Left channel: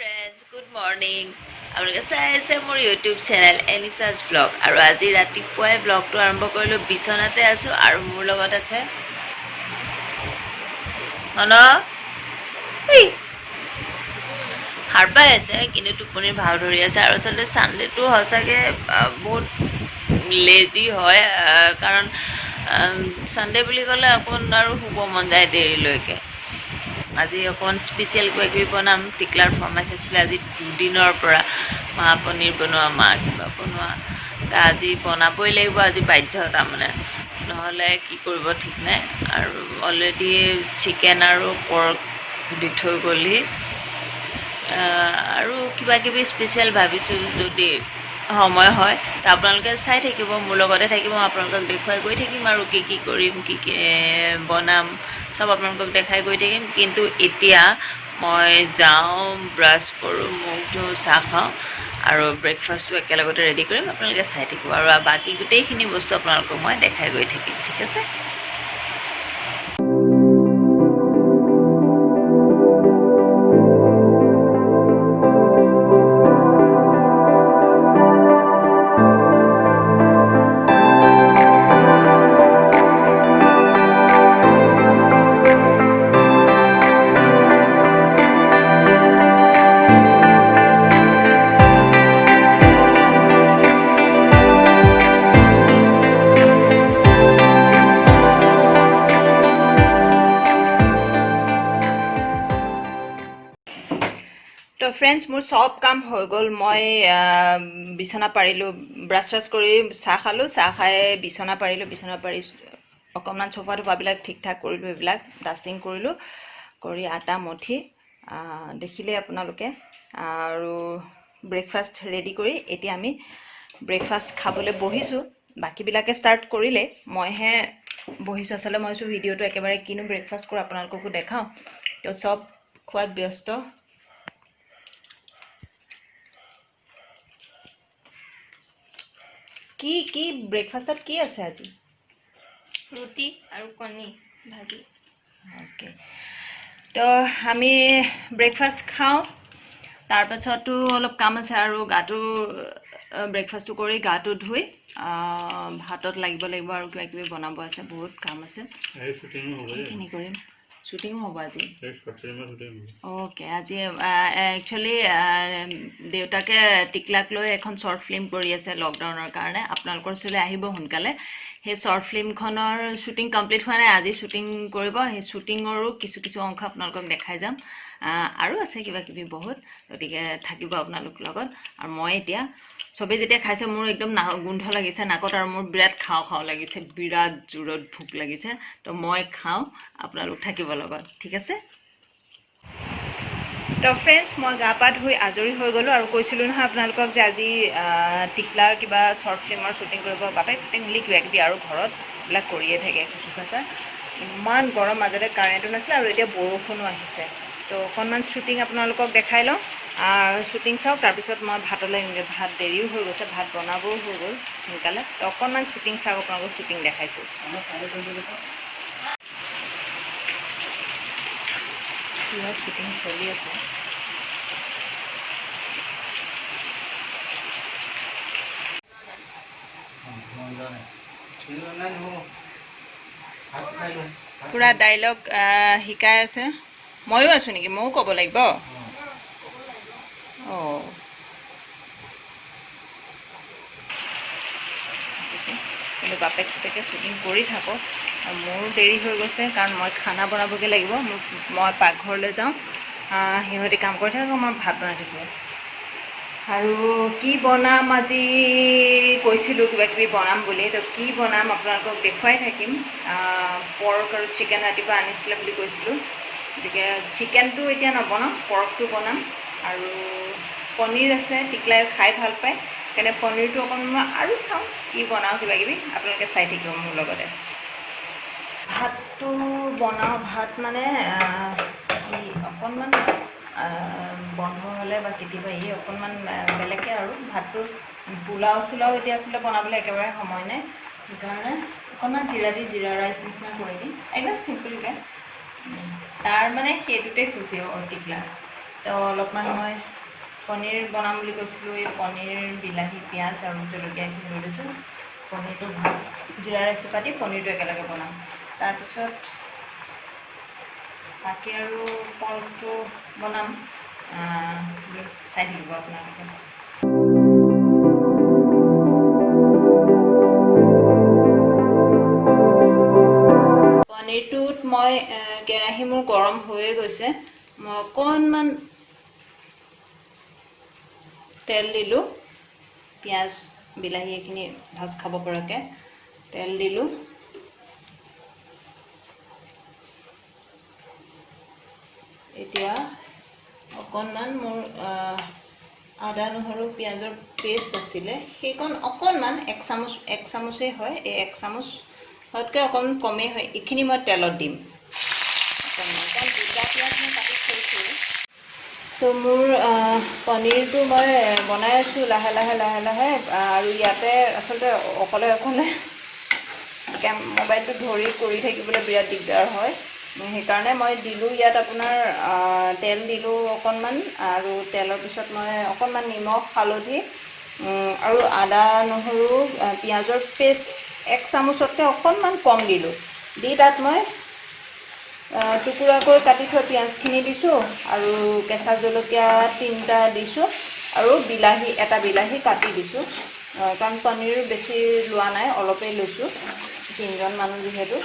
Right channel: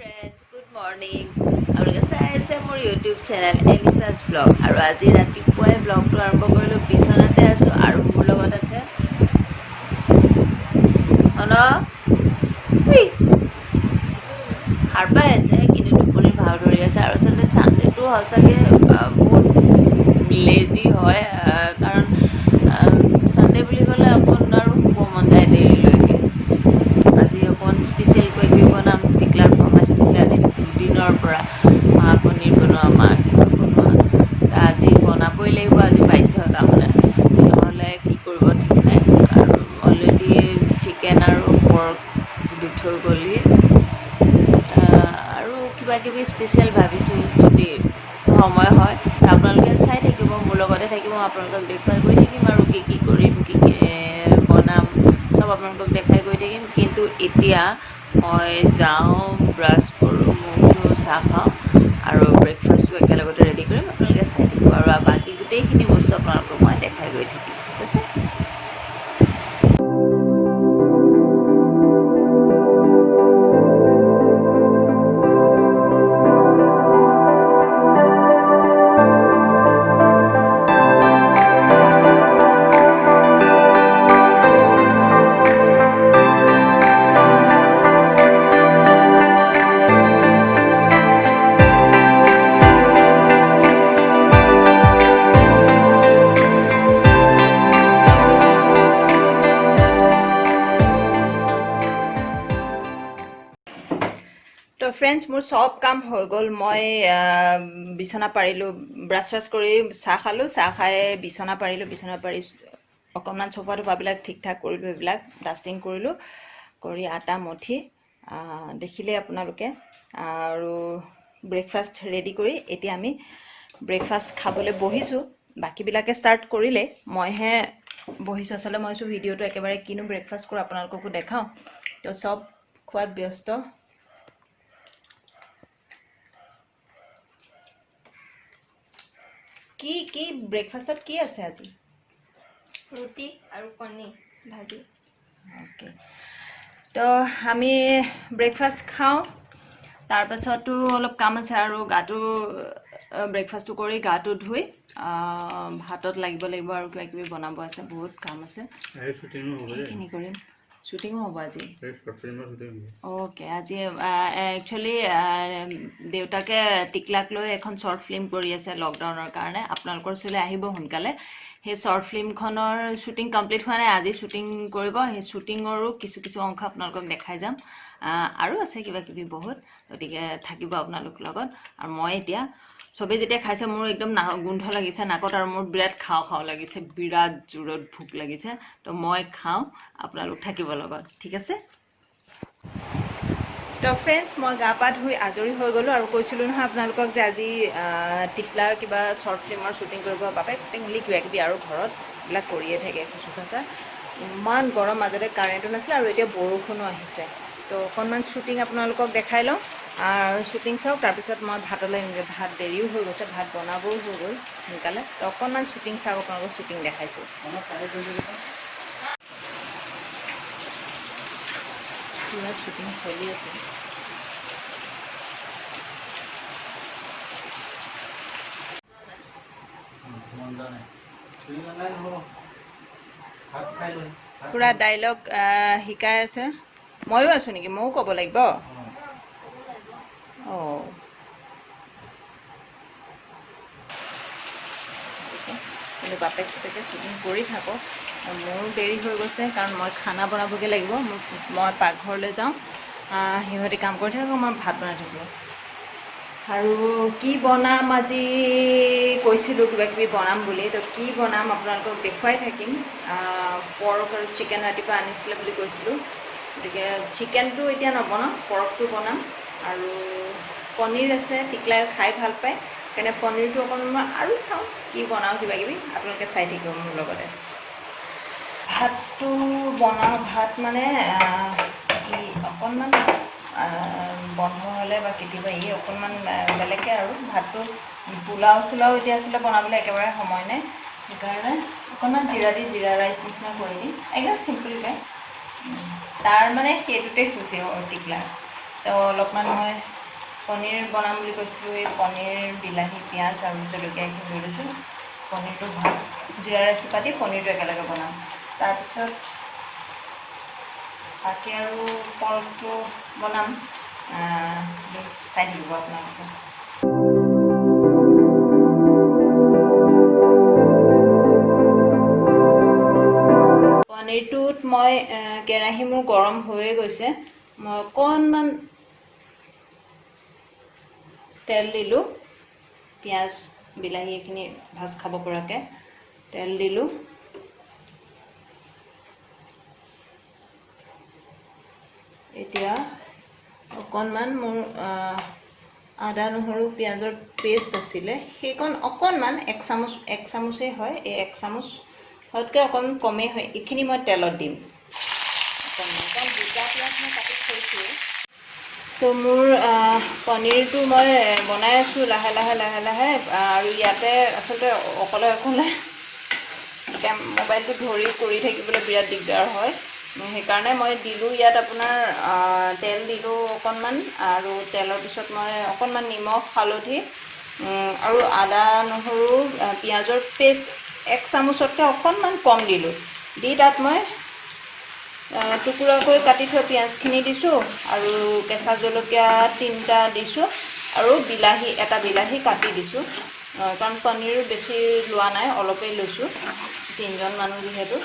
friends, good morning. আপোনালোকে চাই আছে মোৰ ইউটিউব চেনেল এলিছাছ ব্লগ আৰু আজি ৰাতিপুৱাই ব্লগটো আৰম্ভ কৰিলোঁ। বিচনাতে আছোঁ আৰু মোৰ লগত আছে সাৰ পাই আছে, কিন্তু টোপনিৰ ভাও ধৰি আছে। আৰু আচলতে ছানডেটো সঁচাকৈ বহুত লেজি হয়, কাৰণ ছানডে বুলি ক'লে আপোনাৰ শুব মন যায় দেৰিলৈকে। আজি অকণ স্পেচিয়েলকৈ কিবি বনাম। টিকলাৰ ফৰমাইচ আছিলে আজি দুদিনৰ পৰা, মা পনীৰ বনোৱা, মা কিবা বনোৱা। আজি বনাবই লাগিব, আজি বাধ্যতা মানে, নহ'লে কি কৰিব ঠিক নাই। আৰু অলৰেডি চিকেন আৰু পৰ্ক দি থৈ গ'লি। আৰু কিবা কিবি স্পেচিয়েল ভাবিছোঁ, যদি সময় হয় আপোনালোকে চাই থাকিব, মোৰ লগতে থাকিব। আপোনালোকক দেখুৱাই গৈ থাকিম আৰু কি কি কৰিম, কি কি বনাম, চব আপোনালোকক দেখাই গৈ থাকিম। কিন্তু এতিয়া মই যাওঁ, ব্ৰাছ কৰোঁ, মুখ ধুওঁ, চাহ খাওঁ আৰু ব্ৰেকফাষ্টটো একেলগতে ৰেডি কৰিম। আপোনালোকে চাই থাকিব আৰু বাকী গোটেইখিনি বস্তু আপোনালোকক মই দেখাই গৈ থাকিম, ঠিক আছে? তো ফ্ৰেণ্ডছ, মোৰ চব কাম হৈ গ'ল। মই বিচনা পাৰিলোঁ, ব্ৰাছ চ্ৰাছ কৰি চাহ খালোঁ, চাহ খাই বিচনা পাৰিলোঁ, বিচনা পাৰি অকণমান চোফা টোফাবিলাক ঠিক ঠাক কৰিলোঁ, এইবিলাক ডাষ্টিং কৰিলোঁ, কৰি আটা মঠি দেখিলে আপোনালোকে। আৰু ব্ৰেকফাষ্ট ৰেডি কৰি এতিয়া আমি ব্ৰেকফাষ্ট খাবলৈ বহিছোঁ। বাকীবিলাকে ষ্টাৰ্ট কৰিলে, মইহে বহিছোঁ। আচলতে মই ভিডিঅ'টো একেবাৰে কিনো ব্ৰেকফাষ্ট কৰোঁ আপোনালোককো দেখাওঁ। তো চব খোৱাত ব্যস্ত। কি ব্ৰেকফাষ্টত কি আছে আজি? ৰুটি আৰু কণী ভাজি। অ'কে, তো আমি ব্ৰেকফাষ্ট খাওঁ, তাৰপাছতো অলপ কাম আছে। আৰু গাটো ব্ৰেকফাষ্টটো কৰি গাটো ধুই ভাতত লাগিব আৰু কিবা কিবি বনাব আছে, বহুত কাম আছে, সেইখিনি কৰিম। শ্বুটিঙো হ'ব আজি? অ'কে, আজি একচুৱেলি দেউতাকে টিকলাক লৈ এখন শ্বৰ্ট ফিল্ম কৰি আছে লকডাউনৰ কাৰণে। আপোনালোকৰ ওচৰলৈ আহিব সোনকালে। সেই শ্বৰ্ট ফিল্মখনৰ শ্বুটিং কমপ্লিট হোৱা নাই, আজি শ্বুটিং কৰিব। সেই শ্বুটিঙৰো কিছু অংশ আপোনালোকক দেখাই যাম। আৰু আছে কিবা কিবি বহুত, গতিকে থাকিব আপোনালোক লগত। আৰু মই এতিয়া চবেই যেতিয়া খাইছে, মোৰ একদম গোন্ধ লাগিছে নাকত, আৰু মোৰ বিৰাট খাওঁ লাগিছে, বিৰাট জোৰত ভোক লাগিছে। তো মই খাওঁ, আপোনালোক থাকিব লগত, ঠিক আছে? তো ফ্ৰেণ্ডছ, মই গা পা ধুই আজৰি হৈ গ'লোঁ। আৰু কৈছিলোঁ নহয় আপোনালোকক যে আজি টিকলাৰ কিবা শ্বৰ্ট ফিল্মৰ শ্বুটিং কৰিব, বাপেক মিলি কিবা কিবি আৰু ঘৰত এইবিলাক কৰিয়ে থাকে, খুচুখাচা। ইমান গৰম, মাজতে কাৰেণ্টো নাছিলে, আৰু এতিয়া বৰষুণো আহিছে। তো অকণমান শ্বুটিং আপোনালোকক দেখাই লওঁ, শ্বুটিং চাওক, তাৰপিছত মই ভাতলৈ এনেকৈ, ভাত দেৰিও হৈ গৈছে, ভাত বনাবও হৈ গ'ল সোনকালে। তো অকণমান শ্বুটিং চাওক, আপোনালোকক শ্বুটিং দেখাইছোঁ। কিবা শ্বুটিং চলি আছে। পুৰা ডাইলগ শিকাই আছে। ময়ো আছোঁ নেকি? ময়ো ক'ব লাগিব? অঁ, কিন্তু বাপেক শ্বুটিং কৰি থাকক। মোৰ দেৰি হৈ গৈছে, কাৰণ মই খানা বনাবগৈ লাগিব। মই পাকঘৰলৈ যাওঁ, সিহঁতি কাম কৰি থাকক, মই ভাত বনাই থাকিব। আৰু কি বনাম আজি, কৈছিলোঁ কিবা কিবি বনাম বুলি। তো কি বনাম আপোনালোকক দেখুৱাই থাকিম। পৰ্ক আৰু চিকেন ৰাতিপুৱা আনিছিলে বুলি কৈছিলোঁ, গতিকে চিকেনটো এতিয়া নবনাওঁ, পৰ্কটো বনাম। আৰু পনীৰ আছে, টিকলাই খাই ভাল পায়, সেইকাৰণে পনীৰটো অকণমান মই আৰু চাওঁ কি বনাওঁ, কিবা কিবি আপোনালোকে চাই থাকিব মোৰ লগতে। ভাতটো বনাওঁ, ভাত মানে অকণমান বন্ধ হ'লে বা কেতিয়াবা অকণমান বেলেগকৈ আৰু ভাতটো পোলাও চোলাও এতিয়া আচলতে বনাবলৈ একেবাৰে সময় নাই, সেইকাৰণে অকণমান জিৰা ৰাইচ নিচিনা কৰি দিম, একদম চিম্পলকৈ। তাৰ মানে সেইটোতে খুচি টিকলা। তো অলপমান মই পনীৰ বনাম বুলি কৈছিলোঁ, এই পনীৰ বিলাহী পিঁয়াজ আৰু জলকীয়া এইখিনি লৈ লৈছোঁ। পনীৰটো জিৰা ৰাইচ পাতি পনীৰটো একেলগে বনাম। তাৰপিছত বাকী আৰু পৰ্কটো বনাম, চাই থাকিব আপোনালোকে। পনীৰটোত মই কেৰাহী মোৰ গৰম হৈয়ে গৈছে, মই অকণমান তেল দিলোঁ, পিঁয়াজ বিলাহী এইখিনি ভাজ খাব পৰাকৈ তেল দিলোঁ। এতিয়া অকণমান মোৰ আদা নহৰু পিঁয়াজৰ পেষ্ট আছিলে, সেইকণ অকণমান এক চামুচেই হয়, এই এক চামুচতকৈ অকণমান কমেই হয়, এইখিনি মই তেলত দিম অকণমান, কাৰণ দুটা পিঁয়াজ মই কাটি থৈছোঁ। তো মোৰ পনীৰটো মই বনাই আছোঁ লাহে লাহে, আৰু ইয়াতে আচলতে অকলে মোবাইলটো ধৰি কৰি থাকিবলৈ বিৰাট দিগদাৰ হয়। সেইকাৰণে মই দিলোঁ ইয়াত আপোনাৰ তেল দিলোঁ অকণমান, আৰু তেলৰ পিছত মই অকণমান নিমখ হালধি আৰু আদা নহৰু পিঁয়াজৰ পেষ্ট এক চামুচতকৈ অকণমান কম দিলোঁ, দি তাত মই টুকুৰাকৈ কাটি থোৱা পিঁয়াজখিনি দিছোঁ, আৰু কেঁচা জলকীয়া 3টা দিছোঁ, আৰু এটা বিলাহী কাটি দিছোঁ, কাৰণ পনীৰ বেছি লোৱা নাই, অলপেই লৈছোঁ, 3জন মানুহ যিহেতু,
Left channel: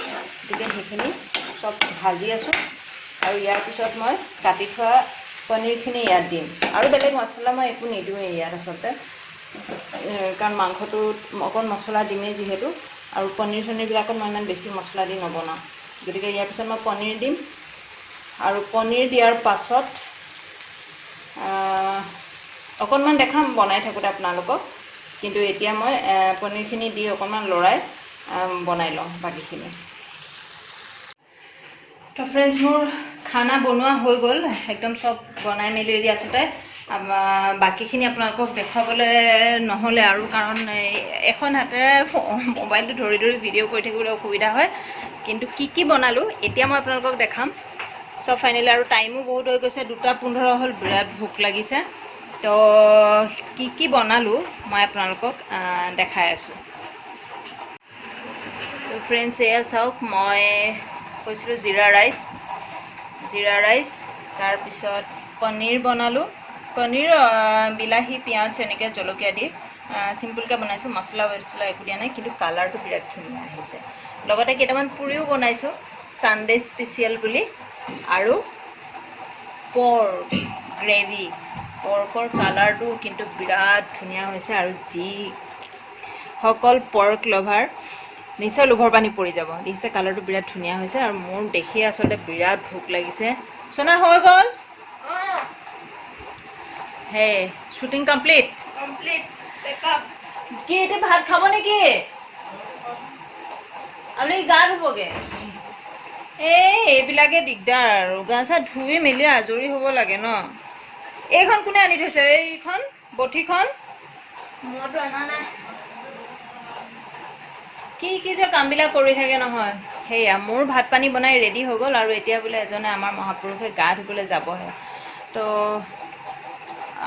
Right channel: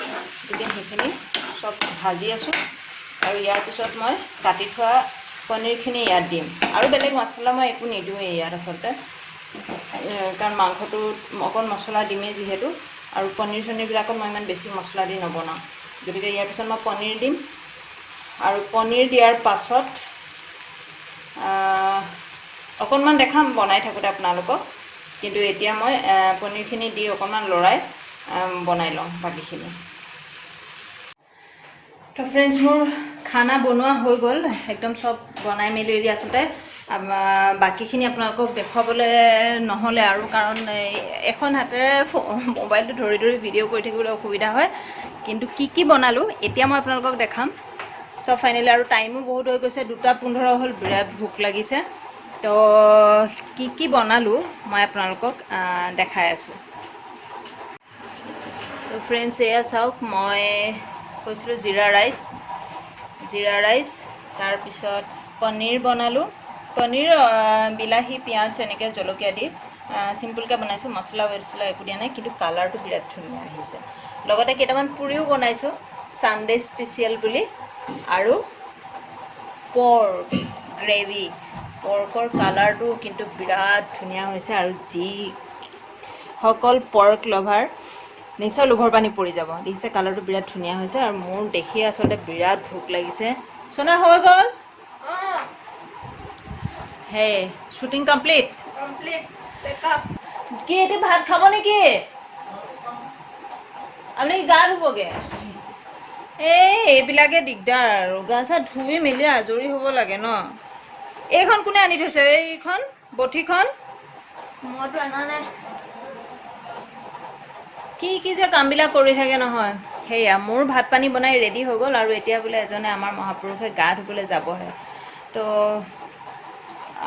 গতিকে সেইখিনি চব ভাজি আছোঁ। আৰু ইয়াৰ পিছত মই কাটি থোৱা পনীৰখিনি ইয়াত দিম, আৰু বেলেগ মছলা মই একো নিদিওঁৱেই ইয়াত আচলতে, কাৰণ মাংসটোত অকণ মছলা দিমেই যিহেতু, আৰু পনীৰবিলাকত মই ইমান বেছি মছলা দি নবনাওঁ। গতিকে ইয়াৰ পিছত মই পনীৰ দিম, আৰু পনীৰ দিয়াৰ পাছত অকণমান দেখাম বনাই থাকোঁতে আপোনালোকক, কিন্তু এতিয়া মই পনীৰখিনি দি অকণমান লৰাই বনাই লওঁ বাকীখিনি। তো ফ্ৰেণ্ডছ, মোৰ খানা বনোৱা হৈ গ'ল, একদম চব বনাই মেলি ৰেডি। আচলতে বাকীখিনি আপোনালোকক দেখুৱাবলৈ নহ'লে, আৰু কাৰণ এখন হাতেৰে মোবাইলটো ধৰি ভিডিঅ' কৰি থাকিবলৈ অসুবিধা হয়, কিন্তু কি বনালোঁ এতিয়া মই আপোনালোকক দেখাম চব ফাইনেলি। আৰু টাইমো বহুত হৈ গৈছে, 2:15 হ'ল, বিৰাট ভোক লাগিছে। তো কি বনালোঁ মই আপোনালোকক দেখাই আছোঁ। তো ফ্ৰেণ্ডছ, এয়া চাওক, মই কৈছিলোঁ জিৰা ৰাইচ, তাৰপিছত পনীৰ বনালোঁ, পনীৰ বিলাহী পিঁয়াজ এনেকৈ জলকীয়া দি চিম্পুলকৈ বনাইছোঁ, মছলা একো দিয়া নাই, কিন্তু কালাৰটো বিৰাট ধুনীয়া আহিছে। লগতে কেইটামান পুৰিও বনাইছোঁ, ছানডে স্পেচিয়েল বুলি, আৰু পৰ্ক গ্ৰেভি, পৰ্কৰ কালাৰটো কিন্তু বিৰাট ধুনীয়া হৈছে, আৰু যিসকল পৰ্ক লাভাৰ নিশ্চয় লোভৰ পানী পৰি যাব। দেখিছে কালাৰটো বিৰাট ধুনীয়া হৈছে, আৰু মোৰ দেখিয়ে আচলতে বিৰাট ভোক লাগিছে। সোনা হৈ গ'ল? হে, শ্বুটিং কমপ্লিট? কি এতিয়া ভাত খাব নেকি? আপুনি গা ধুবগৈ? এইবিলাকে দিগদাৰ, আৰু গা চা ধুই মেলি আজৰি হ'ব লাগে ন। এইখন কোনে আনি থৈছে? এইখন বঠিখন মইতো অনা নাই। কি যে কামবিলাক কৰি থাকে নহয়। সেয়া মোৰ ভাত পানী বনাই ৰেডি হৈ গ'ল, আৰু এতিয়া বোলে এজনে আমাৰ মহাপুৰুষে গা ধুবলৈ যাবহে। তো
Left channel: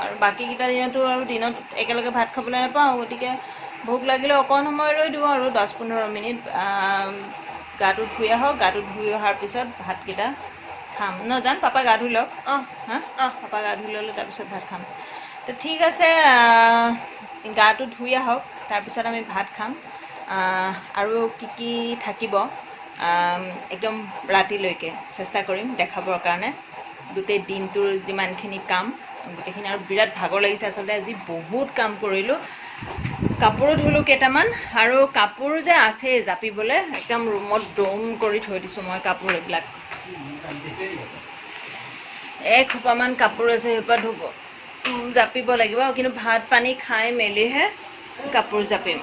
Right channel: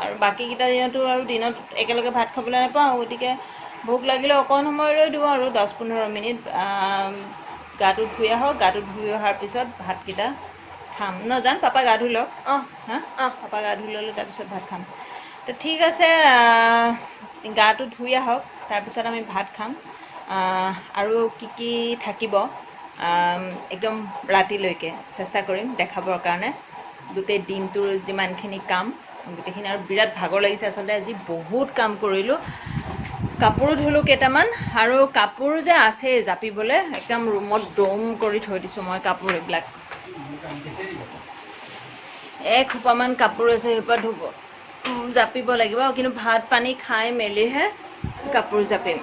আৰু বাকীকেইটা দিনতো আৰু দিনত একেলগে ভাত খাবলৈ নাপাওঁ, গতিকে ভোক লাগিলে অকণ সময় ৰৈ দিওঁ, আৰু 10-15 মিনিট গাটো ধুই আহক, গাটো ধুই অহাৰ পিছত ভাতকেইটা খাম। জান পাপা গা ধুই লওক। পাপা গা ধুই ল'লে তাৰপিছত ভাত খাম। তো ঠিক আছে, গাটো ধুই আহক, তাৰপিছত আমি ভাত খাম। আৰু কি থাকিব একদম ৰাতিলৈকে চেষ্টা কৰিম দেখাবৰ কাৰণে, গোটেই দিনটোৰ যিমানখিনি কাম গোটেইখিনি। আৰু বিৰাট ভাগৰ লাগিছে আচলতে, আজি বহুত কাম কৰিলোঁ। কাপোৰো ধুলোঁ কেইটামান, আৰু কাপোৰ যে আছেই জাপিবলৈ, একদম ৰুমত দম কৰি থৈ দিছোঁ মই কাপোৰ। এইবিলাক এসোপামান কাপোৰ আছে, সেইসোপা জাপিব লাগিব, কিন্তু ভাত পানী খাই মেলিহে কাপোৰ জাপিম।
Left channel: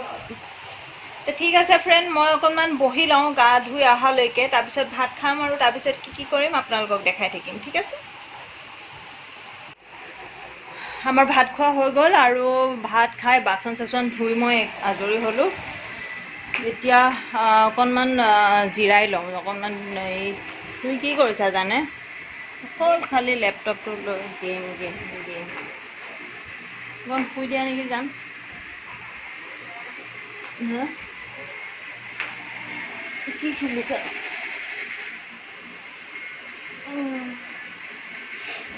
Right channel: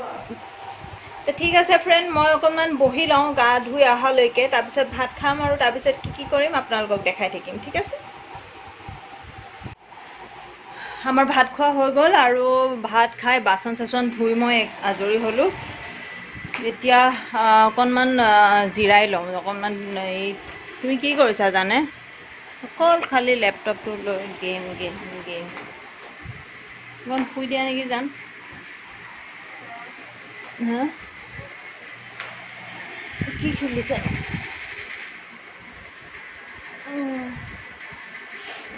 তো ঠিক আছে ফ্ৰেণ্ড, মই অকণমান বহি লওঁ গা ধুই অহালৈকে, তাৰপিছত ভাত খাম, আৰু তাৰপিছত কি কৰিম আপোনালোকক দেখাই থাকিম। ঠিক আছে? আমাৰ ভাত খোৱা হৈ গ'ল, আৰু ভাত খাই বাচন চাচন ধুই মই আজৰি হ'লোঁ। এতিয়া অকণমান জিৰাই লওঁ। অকণমান তুমি কি কৰিছা জানে? অকল খালি লেপটপটো লৈ গেম গেম গেম অকণ শুই দিয়া নেকি জান হা কি খেলিছে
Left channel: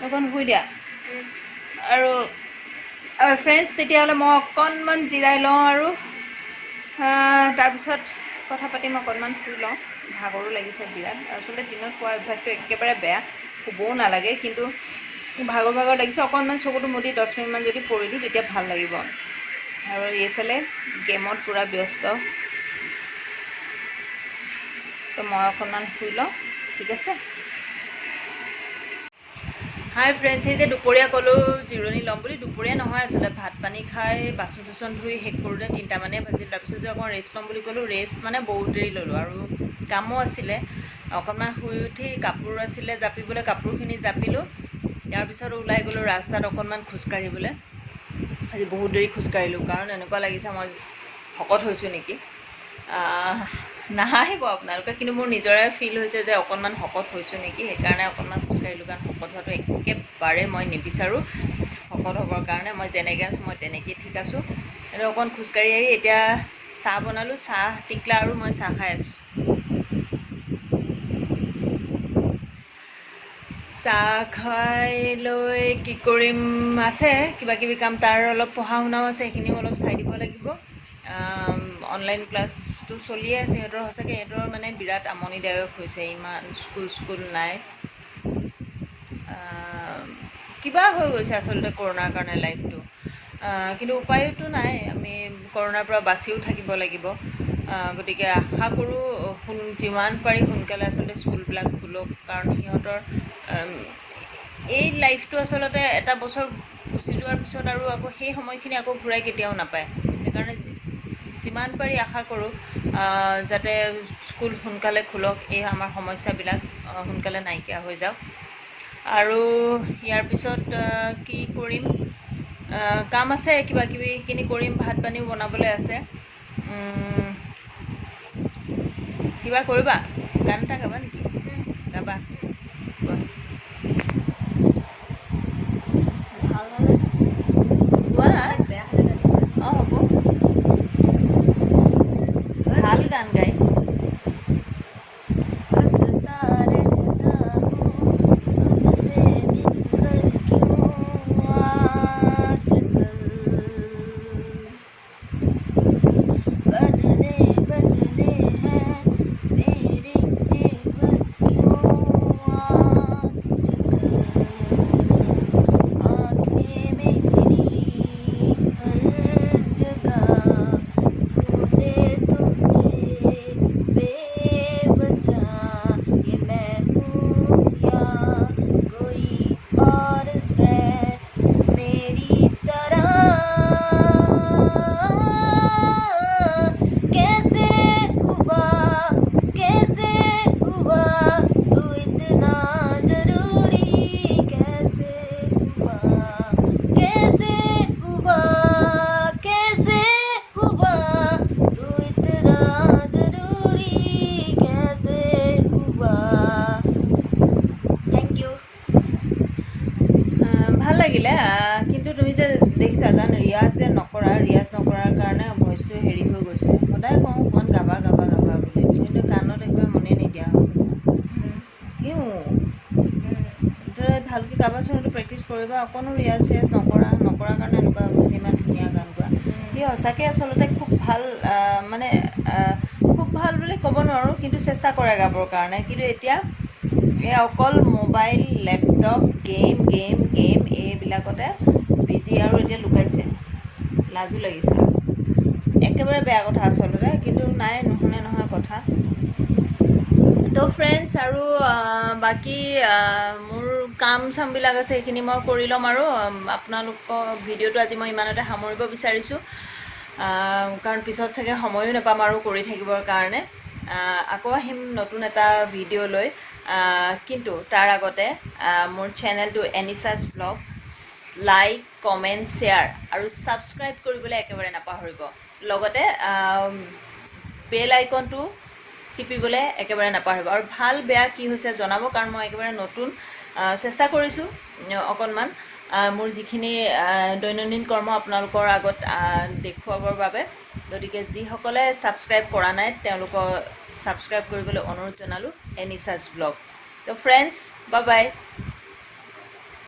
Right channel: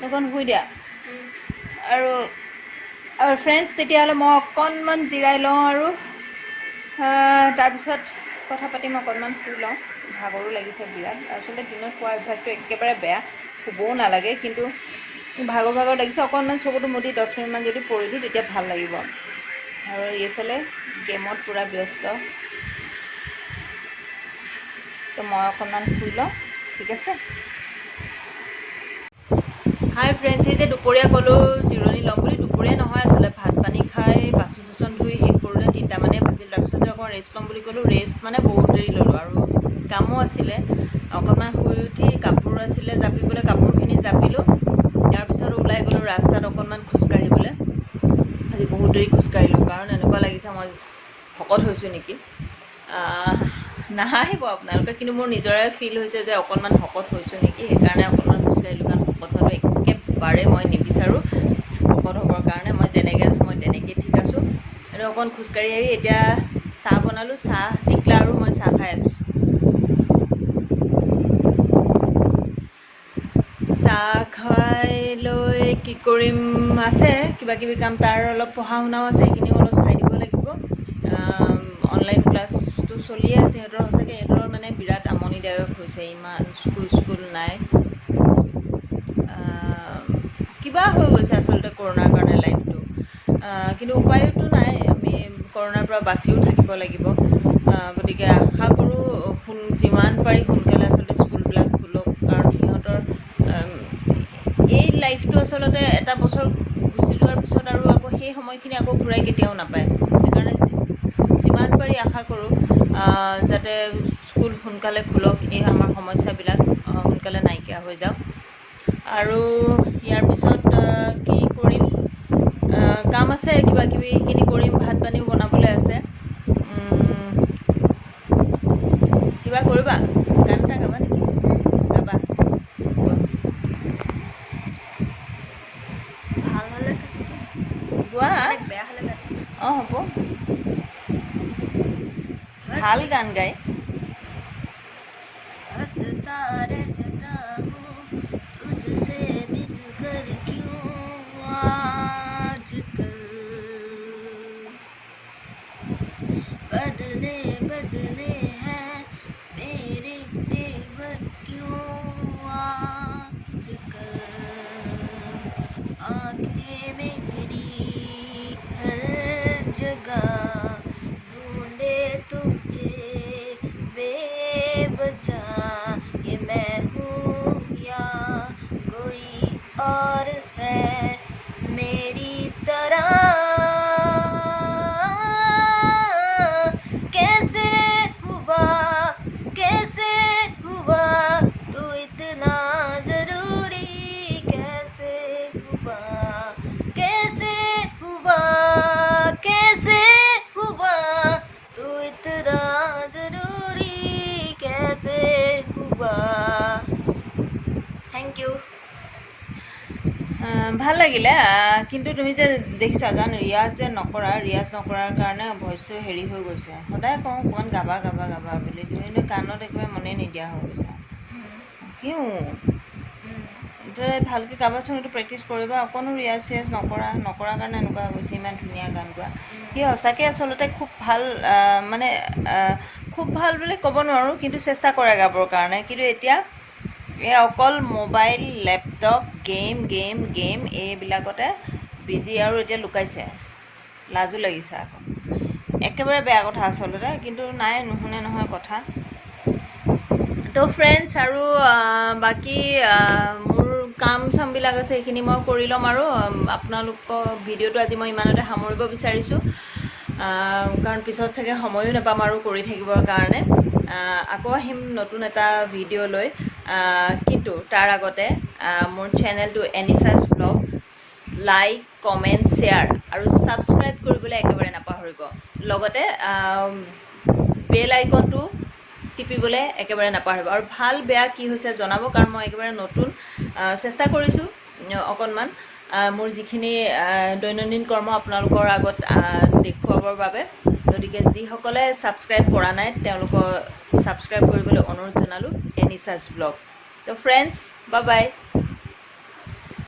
অকণ শুই দিয়া আৰু ফ্ৰেণ্ডছ তেতিয়াহ'লে মই অকণমান জিৰাই লওঁ আৰু তাৰপিছত কথা পাতিম অকণমান শুই লওঁ ভাগৰো লাগিছে বিৰাট আচলতে দিনত খোৱা অভ্যাসটো একেবাৰে বেয়া শুবও নালাগে কিন্তু ভাগৰ লাগিছে অকণমান চকুটো মুদি 10 মিনিটমান যদি পৰিলোঁ তেতিয়া ভাল লাগিব আৰু এইফালে গেমত পূৰা ব্যস্ত তো মই অকণমান শুই লওঁ ঠিক আছে হাই ফ্ৰেণ্ডছ এই যে দুপৰীয়া ক'লোঁ জিৰণি ল'ম বুলি দুপৰীয়া নহয় আচলতে ভাত পানী খাই বাচন চাচন ধুই শেষ কৰোঁতে 3টামানে বাজিল তাৰপিছত যে অকণ ৰেষ্ট ল'ম বুলি ক'লোঁ ৰেষ্ট মানে বহুত দেৰি ল'লোঁ আৰু কামো আছিলে অকণমান শুই উঠি কাপোৰ আছিলে জাপিবলৈ কাপোৰখিনি জাপিলোঁ তাৰপিছত ওলাই গ'লোঁ ৰাস্তাত অকণমান খোজকাঢ়িবলৈ আজি বহুত দেৰি খোজকাঢ়িলোঁ কাৰণ এনেকুৱা লাগিছে মই শকত হৈছোঁ নেকি নাহাঁহিব আপোনালোকে কিন্তু মোৰ নিজৰে ফিল হৈছে যে অকণমান শকত হৈছোঁ নেকি সেইকাৰণে অকণমান খোজকাঢ়িলোঁ কাৰণ শকত হোৱাটো একেবাৰে মই নিবিচাৰোঁ শকত হ'বৰ কাৰণে মই যেনেকৈ আছোঁ মই তেনেকৈ ঠিক আছোঁ আৰু অকণ খোজকাঢ়ি আহি এতিয়া চাহ বনালোঁ চাহ টিকলা আৰু মই চাহ খাই আছোঁ চাহ খাই লৈ কি কৰিম আছে কিবা কিবি কাম তাৰ অলপ পঢ়া শুনাও আছে সেইখিনিও অলপ চাই দিব লাগিব অনলাইন ক্লাছটো চলিয়ে আছে সিহঁতৰ সঁচাকৈ সিহঁতৰ মানে বিৰাট আমনিদায়ক হৈছে ইমান স্কুল নাই কিবা হৈ গৈছে আচলতে কৰোণাৰ কাৰণে লাইফটো কিন্তু উপায়তো নাই আমি কৰোণাৰ পৰা বাচিও থাকিব লাগিব গতিকে আশা কৰোঁ যিমান পাৰি সোনকালে আচলতে স্কুলবিলাক খোলক কাৰণ সিহঁতৰ এই লাইফটো আচলতে এটা বছৰ গুচি যোৱাৰ পিছত আৰু আকৌ সেই সময়খিনি আকৌ ঘূৰাই কেতিয়াও নাপায় সেইকাৰণে যিমান পাৰি আশা কৰোঁ যাতে স্কুল সোনকালে খোলক এই আমাৰ সমস্যাবিলাক সোনকালে নাইকিয়া হৈ যাওক আৰু ইয়াৰ পিছত কি কৰিম কাম আছে কিবা কিবি সেইখিনি কৰিম ভাত পানীও বনাবলৈ আছে কিবা কৰিবা গান এটা গাবা নেকি গাবা ভাল হ'লে গোৱা বেয়া হ'লে অঁ হ'ব ভাল গান গাই ভাল লাগিলে কিন্তু তুমি যে দেখিছা জান ৰিয়াজ নকৰাৰ কাৰণে ভইচটো হেৰি হৈ গৈছে সদায় কওঁ অকণমান গাবা বুলি তুমি কাণত একেবাৰে মনে নিদিয়া হৈ গৈছা কিয় ভালকৈ গাবাচোন এইটো প্ৰেক্টিচ কৰিবা অকণো ৰিয়াজ নকৰাৰ কাৰণে এনেকুৱা হৈ গৈছে ইমান ধুনীয়া গান গোৱা সি সঁচাকৈ আচলতে খুব ভাল মানে খুব ভাল বুলি ক'ব নোৱাৰোঁ কিন্তু চেষ্টা কৰে গাবৰ কাৰণে কিন্তু এতিয়া এই অকল মোবাইল লেপটপ গেম এইবিলাকতে বিজি আৰু এতিয়া লুকাইছে লাজো লাগিছে একেবাৰে বেয়া কথা আচলতে কিন্তু নাই নুশুনে নহয় কথা তো ফ্ৰেণ্ডছ আৰু বাকী মোৰ কাম চামবিলাক আছে সেইখিনি মই কৰি ল'ম আৰু আপোনালোকৰ ভিডিঅ'টো আজি মই ইমানতে সামৰিব বিচাৰিছোঁ কাৰণ পিছত চাগে সময়ো নাপাম আৰু কৰি থাকিবৰ কাৰণে আকৌ আহিম নতুন এটা ভিডিঅ' লৈ কিন্তু তাৰ আগতে মোৰ চেনেলটো এনিছাছ ব্লগ লাইক কমেণ্ট শ্বেয়াৰ আৰু ছাবস্ক্ৰাইব কৰিবলৈ একেবাৰে নাপাহৰিব লগতে বেল আইকনটো টিপিবলৈ একেবাৰে নাপাহৰিব আৰু ভাল বেয়া কি হৈছে জনাব কাৰণ মই একেবাৰে নতুন চেষ্টা কৰিছোঁ অকণমান মোৰ যিখিনি দৈনন্দিন কৰ্ম আপোনালোকৰ আগত দেখুৱাবৰ বাবে গতিকে যিসকলে ছাবস্ক্ৰাইব কৰা নাই তেওঁলোকক ছাবস্ক্ৰাইব কৰিবলৈ অনুৰোধ জনালোঁ এনিছাছ ব্লগ তো ফ্ৰেণ্ডছ বাই বাই